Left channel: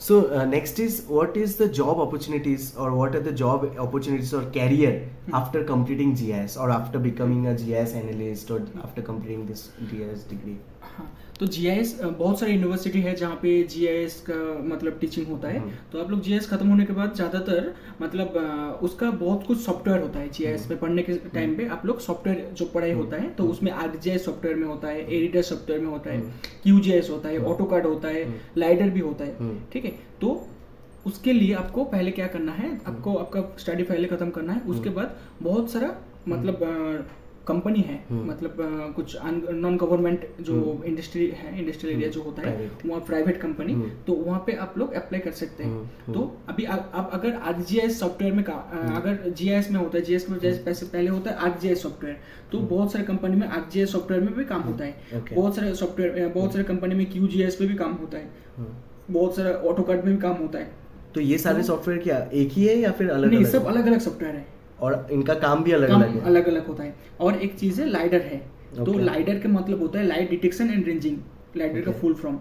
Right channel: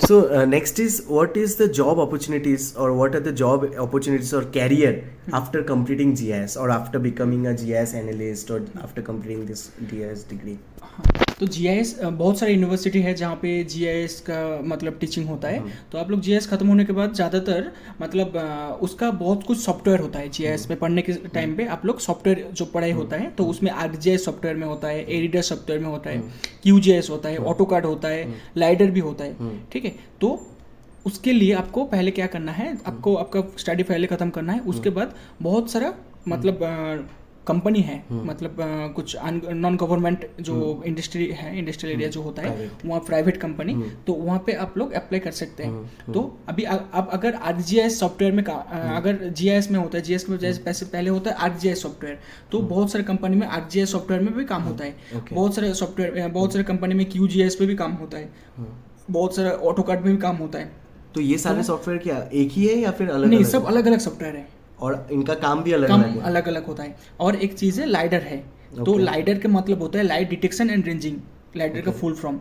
So next is, what is the job opportunities, or what are the job opportunities or career after completing GIS, or after becoming a GIS analyst, or after completing this GIS degree? हाँ, तो GIS बहुत सारी university है जहाँ पे GIS का मतलब teaching होता है। तो आप लोग जीआईएस खत्म होने के बाद ज़्यादातर मतलब उसका बहुत कुछ सॉफ्टवेयर होता है जीआईएस में पढ़ने के टाइम पे। आप लोग सॉफ्टवेयर जो पढ़ाई होता है तो उसमें आर्कजीआईएस सॉफ्टवेयर में होता है, एडिटर सॉफ्टवेयर में होता है, क्यूजीआईएस होता है, ऑटोकाड होता है, लाइडर भी होता है। ठीक है, तो उसके लिए आपको पहले क्या करना है, आपको आपका स्टडी पहले ख़त्म करना है। उसके बाद बहुत सारा मतलब कंपनी है, मतलब कुछ नॉन गवर्नमेंट जो इंडस्ट्री है, इंडस्ट्रियल एरिया जो होता है वहाँ प्राइवेट कंपनी, तो वहाँ पे आप लोग अप्लाई कर सकते हैं। तो अभी आप अगर आरजीआईएस सॉफ्टवेयर में अगर जीआईएस में होता है, जीआईएस में जैसे पैसे पहले होता है आरजीआईएस सॉफ्टवेयर, तो बहुत सारे कंपनी में आरजीआईएस सॉफ्टवेयर में भी काम होता है। बहुत सारे सॉफ्टवेयर, बहुत सारे कंपनी में क्यूजीआईएस में भी काम होता है, बहुत सारे ऑटोकाड में भी काम होता है। तो ये सारे सॉफ्टवेयर क्या एक ही है या फिर अलग नहीं, अलग? सब अलग अलग सॉफ्टवेयर है और इनका काम भी अलग काम अलग है? अलग अलग होता है। और एक चीज़ है लाइडर है। तो Okay. लाइडर का मतलब होता है light detection and ranging, lidar का फुल फॉर्म।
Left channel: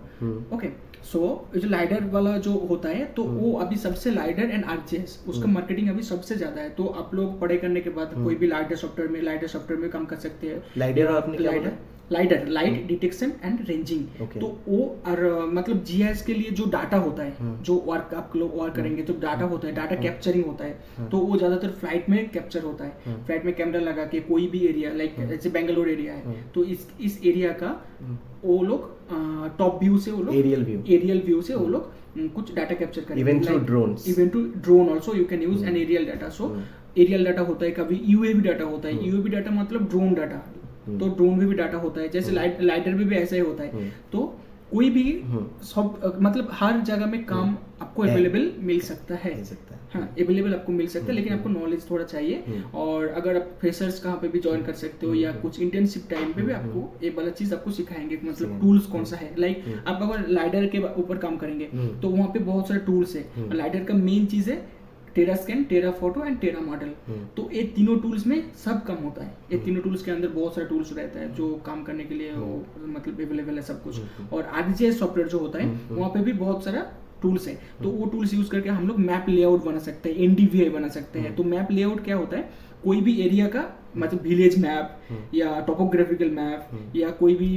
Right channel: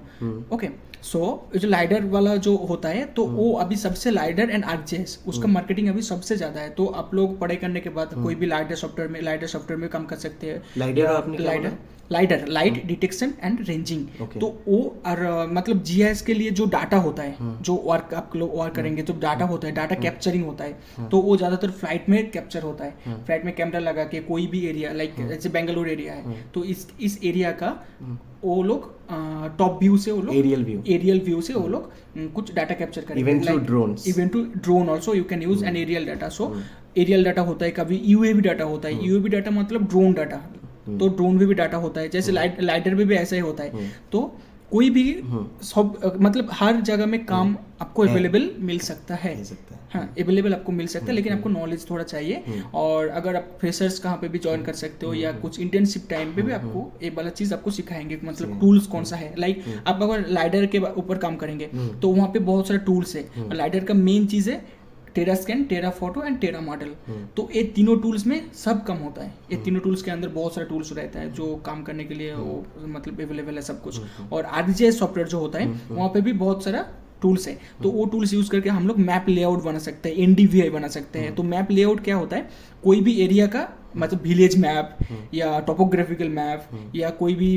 ओके, सो जो लाइडर वाला जो होता है तो वो अभी सबसे लाइडर एंड आरजीएस उसका मार्केटिंग अभी सबसे ज़्यादा है। तो आप लोग पढ़ाई करने के बाद कोई भी लाइडर सॉफ्टवेयर में काम कर सकते हैं। लाइडर और आपने क्या बोला? Lidar light detection and ranging. Okay. तो वो और मतलब जीआईएस के लिए जो डाटा होता है, जो वर्क आप लोग वर्क करेंगे, जो डाटा होता है, डाटा कैप्चरिंग होता है, तो वो ज़्यादातर फ्लाइट में कैप्चर होता है। फ्लाइट में कैमरा लगा के कोई भी एरिया, लाइक जैसे बेंगलोर एरिया है, तो इस एरिया का वो लोग टॉप व्यू से वो लोग एरियल व्यू से वो लोग कुछ डाटा कैप्चर करेंगे। Even through drones, even to drone also you can use an aerial data. So aerial data होता है, कभी यूएवी डाटा होता है। यूएवी डाटा मतलब ड्रोन डाटा, तो ड्रोन में भी डाटा होता है, जैसे लाइटर में भी ऐसा ही होता है। तो कोई भी सब मतलब हर जगह में काम आपको अवेलेबल मिल सकता है। हाँ, अवेलेबल आपको मिल सकता है, लेकिन आपको नॉलेज थोड़ा चाहिए। और अगर आप फ्रेशर्स कहाँ पे भी ज्वाइन कर सकते हो, या कुछ इंटर्नशिप टाइम पे भी आपको ये वाला चीज़ आपको सिखाएंगे, मतलब टूल्स कौन सा है। लाइक आप अगर लाइडर के ऊपर काम करेंगे तो वहाँ पे बहुत सारे टूल्स है। लाइडर का मेन चीज़ है terra scan, terra photo and terra model. तो ये तीनों टूल्स में सब काम होता है। ये तीनों टूल्स के अंदर बहुत सारे टूल्स रहता है जो काम करने के लिए वो मतलब अवेलेबल है सब कुछ। और आरजीआईएस सॉफ्टवेयर जो होता है वहाँ पे भी बहुत सारा टूल्स है। तो वो टूल्स यूज करके हम लोग मैप लेआउट बना सकते हैं, एनडीवीआई बना सकते हैं। तो मैप लेआउट क्या होता है, कोई भी एरिया का मतलब विलेज मैप या टोपोग्राफिकल मैप, या कोई भी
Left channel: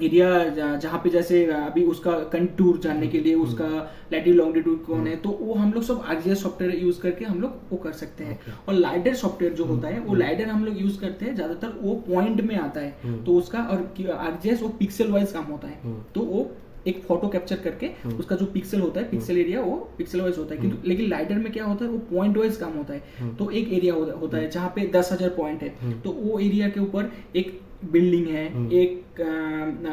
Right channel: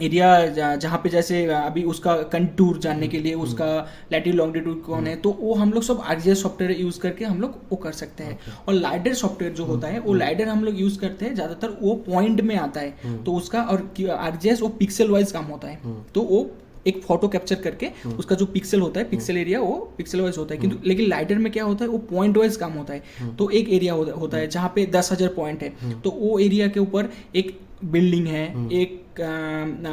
एरिया जहाँ पे जैसे अभी उसका कंटूर जानने के लिए उसका लैटिट्यूड लॉन्गिट्यूड कौन है, तो वो हम लोग सब आरजीआईएस सॉफ्टवेयर यूज करके हम लोग वो कर सकते हैं। और लाइडर सॉफ्टवेयर जो होता है वो लाइडर हम लोग यूज करते हैं ज़्यादातर, वो पॉइंट में आता है तो उसका। और आरजीआईएस वो पिक्सल वाइज काम होता है। तो वो एक फोटो कैप्चर करके उसका जो पिक्सल होता है, पिक्सल एरिया वो पिक्सल वाइज होता है। किंतु लेकिन लाइडर में क्या होता है, वो पॉइंट वाइज काम होता है। तो एक एरिया होता है जहाँ पे 10,000 पॉइंट है, तो वो एरिया के ऊपर एक बिल्डिंग है, एक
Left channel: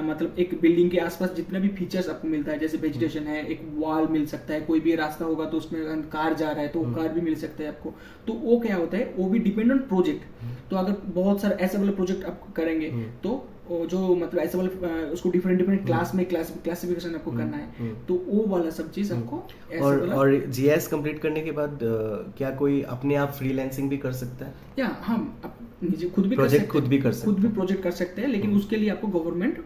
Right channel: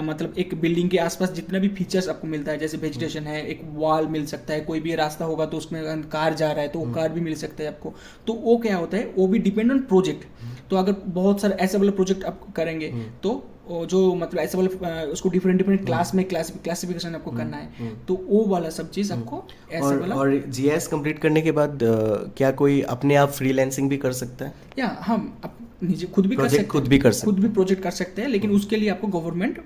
मतलब एक बिल्डिंग के आसपास जितने भी फीचर्स आपको मिलता है, जैसे वेजिटेशन है, एक वॉल मिल सकता है, कोई भी रास्ता होगा तो उसमें कार जा रहा है तो वो कार भी मिल सकता है आपको। तो वो क्या होता है, वो भी डिपेंड ऑन प्रोजेक्ट। तो अगर बहुत सारे ऐसे वाले प्रोजेक्ट आप करेंगे तो जो मतलब ऐसे वाला उसको डिफरेंट क्लास में क्लासिफिकेशन आपको करना है, तो वो वाला सब चीज़ आपको ऐसे वाला। और जीआईएस कंप्लीट करने के बाद क्या कोई अपने आप फ्रीलांसिंग भी कर सकता है? या हम निजी खुद भी प्रोजेक्ट खुद भी कर सकते खुद भी प्रोजेक्ट कर सकते हैं, लेकिन उसके लिए आपको गवर्नमेंट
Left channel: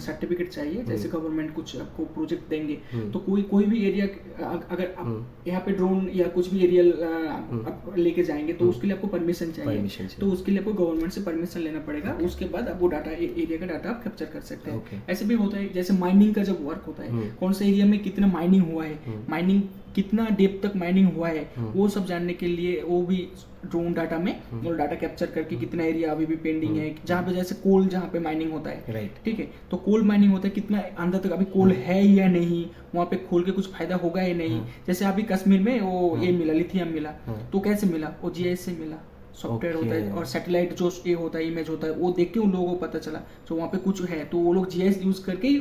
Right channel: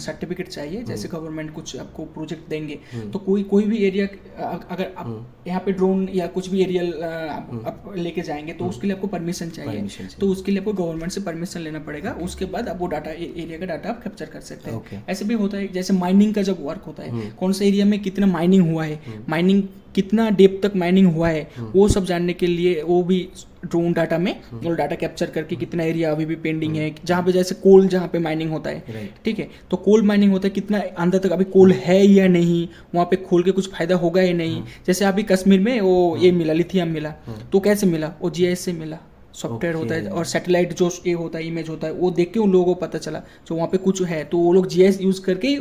सर्टिफिकेट चाहिए। जैसे गवर्नमेंट कुछ आपको प्रोजेक्ट देंगे तो कोई भी एरिया अगर आप यहाँ पे ड्रोन या कुछ भी एरियल आप लेके जाएंगे तो उसके लिए आपको परमिशन चाहिए। तो उसके लिए आपको गवर्नमेंट से परमिशन लेना पड़ेगा। उसके बाद आप वो डाटा एरिया का डाटा आप कैप्चर कर सकते हैं। ऐसे भी होता है जैसे माइनिंग का जब वर्क होता है, कौन से एरिया में कितना माइनिंग हुआ है, माइनिंग कितना डेप्थ तक माइनिंग हुआ है, वो सब जानने के लिए वो भी ड्रोन डाटा में और डाटा कैप्चर करके कितना एरिया अभी भी पेंडिंग है। जहाँ पे जैसे कोल जहाँ पे माइनिंग होता है, ठीक है, तो कोल माइनिंग होता है, कितना अंदर तक अभी कोल है या नहीं, वहाँ पे खोल के कुछ फायदा होगा या नहीं। जैसे अभी कश्मीर में वो ये मिला, लिथियम मिला, तो कैसे मिला, वो जीआईएस से मिला। सॉफ्टवेयर होता है और सैटेलाइट जो ये होता है, इमेज होता है, वो देख के उन लोगों को पता चला तो वहाँ पे कुछ है, तो वो लोग जीआईएस यूज करके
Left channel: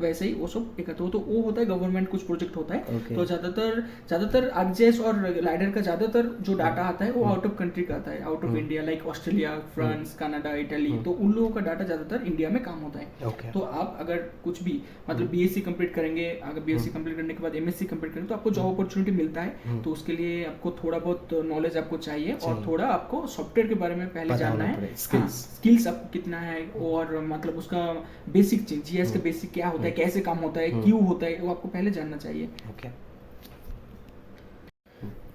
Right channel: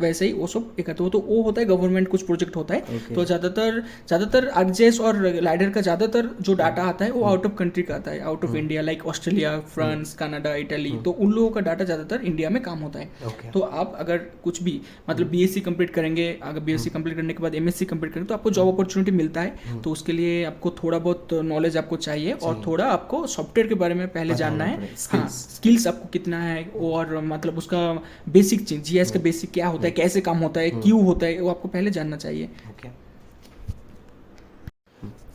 वैसे ही वो सब एकत्र हो। तो वो होता है गवर्नमेंट कुछ प्रोजेक्ट होता है। तो ज़्यादातर आरजीआईएस और लाइडर का ज़्यादातर जो डाटा आता है वो आउट ऑफ कंट्री का आता है, out of India, like Australia, France, Canada, Italy. तो उन लोगों का डाटा ज़्यादातर इंडिया में काम होता है। तो आप अगर कुछ भी मतलब बीएससी कंप्लीट करेंगे, अगर बीएससी कंप्लीट करने के बाद एमएससी कंप्लीट करेंगे तो आपको जॉब अपॉर्चुनिटी मिलता है। तो उसके लिए आपको थोड़ा बहुत नॉलेज आपको चाहिए और थोड़ा आपको सॉफ्टवेयर के बारे में पहले जानना है। स्किल्स आपको कितना है और मतलब उसका बेसिक चीज, जीआईएस का बेसिक क्या होता है, है, कैसे काम होता है, क्यों होता है, वो आपको पहले जानना चाहिए. Okay.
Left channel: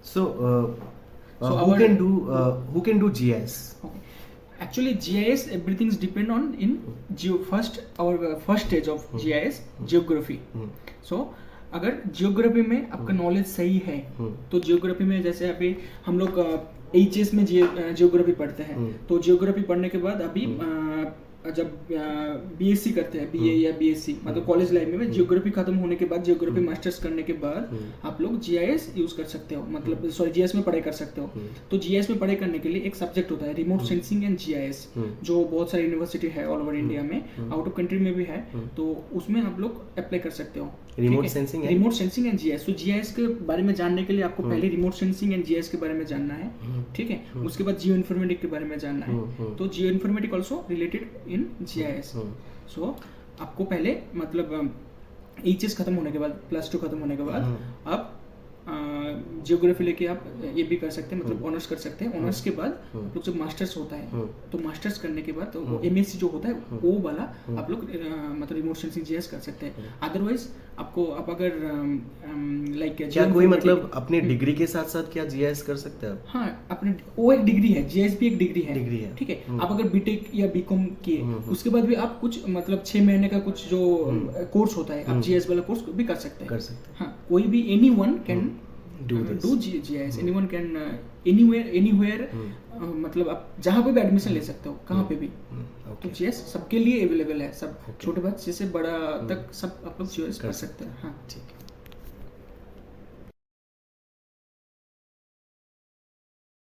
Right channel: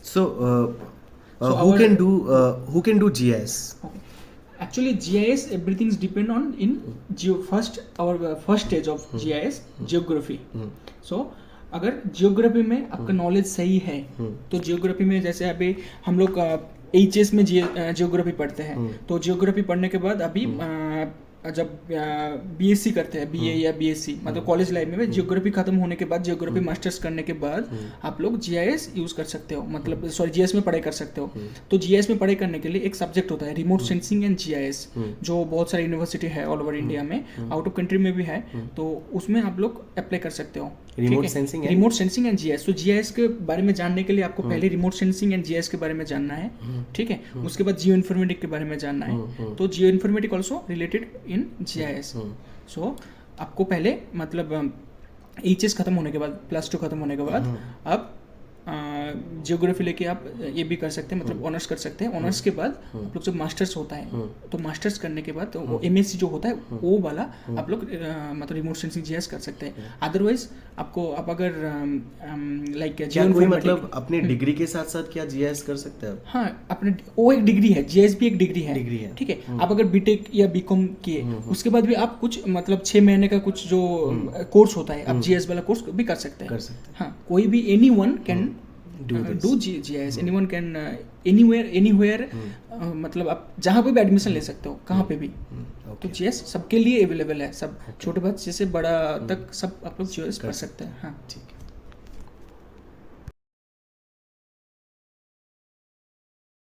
So, So who our- can do GIS? Okay. Actually, GIS everything is depend on in our first stage of GIS, geography. So अगर जियोग्राफी में आपका नॉलेज सही है तो जियोग्राफी में जैसे अभी हम लोग एचएस में जियोग्राफी पढ़ते हैं, तो जियोग्राफी पढ़ने के बाद अभी जब बीएससी करते हैं, बीए या बीएससी मतलब कॉलेज लाइफ में जियोग्राफी खत्म होने के बाद, जियोग्राफी मास्टर्स करने के बाद आप लोग जीआईएस यूज कर सकते हो, मतलब सॉरी जीआईएस में पढ़ाई कर सकते हो. तो जीआईएस में पढ़ाई करने के लिए एक सब्जेक्ट होता है रिमोट सेंसिंग एंड जीआईएस, जो बहुत सारी यूनिवर्सिटी है ऑल ओवर इंडिया में, आउट ऑफ कंट्री में भी है, तो उसमें आप लोग अप्लाई कर सकते हो. Remote sensing and GIS. तो जीआईएस के बारे में जानने के लिए आपको पहले रिमोट सेंसिंग एंड जीआईएस के बारे में जानना है, ठीक है. उसके बाद जियो इन्फॉर्मेटिक के बारे में जानना है. तो जियो इन्फॉर्मेटिक ऑल्सो रिलेटेड इन जीआईएस. सो आपको पहले मतलब एचएस खत्म होने के बाद, प्लस 2 खत्म होने के बाद आप जियोग्राफी लेके आप ये भी कर सकते हैं, मतलब ऑनर्स कर सकते हैं. ऑनर्स के बाद आप लोग जब मास्टर्स होता है, तो मास्टर्स करने के बाद तो एमएससी जो होता है वो वाला आप लोग मतलब रिमोट सेंसिंग जीआईएस कर सकते हैं. अदरवाइज आपको आप अगर लाइक क्या कोई मतलब अपने डिग्री के साथ साथ क्या जीआईएस कर सकते हैं? हाँ, अपने वो एक डिग्री है, जीआईएस भी एक डिग्री है. ठीक है. आप अगर बीटेक या बीकॉम किए उसके बाद भी आप कुछ मतलब 6 महीने का कुछ जो कोर्स होता है, आप जीआईएस वाला कोर्स भी कर सकते हैं. हाँ, कोई भी anyone can do GIS, anyone can anywhere, मतलब आप जहाँ पे भी एडमिशन ले सकते हो, कहाँ पे भी. तो जीआईएस सबके लिए अवेलेबल है, सब छोटे बच्चे से बड़ा तक सब आप लोग जीआईएस कर सकते हैं. हाँ, ठीक है.